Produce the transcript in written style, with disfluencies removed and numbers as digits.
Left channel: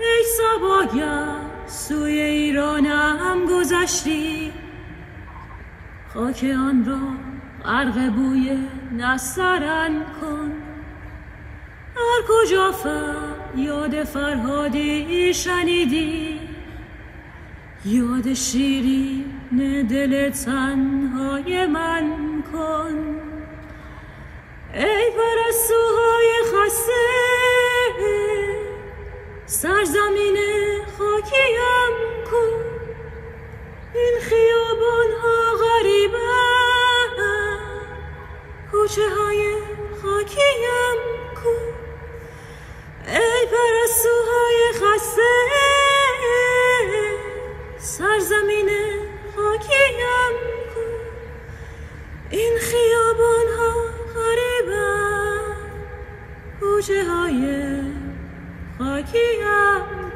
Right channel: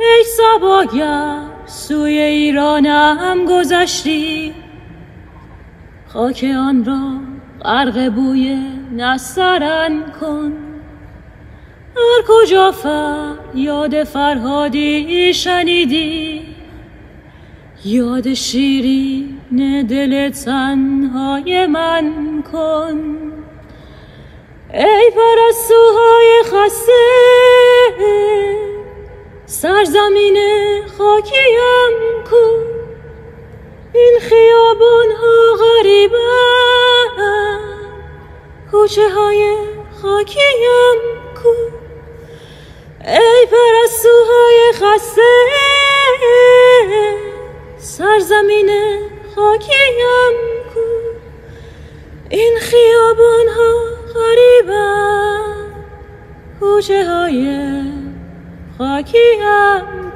ای صباگر سوی ایرانم گذشتی، خاک آن را غرق بوی نسترن کن. هر کجا یاد فرهادی شنیدی، یاد شیرین دل تنهای من کن. ای پرستوهای خسته سرزمین خاکیم کو، این خیابان ها غریبه کوچه های خاکیم کو. ای پرستوهای خسته سرزمین خاکیم کو، این خیابان ها غریبه کوچه های خاکیم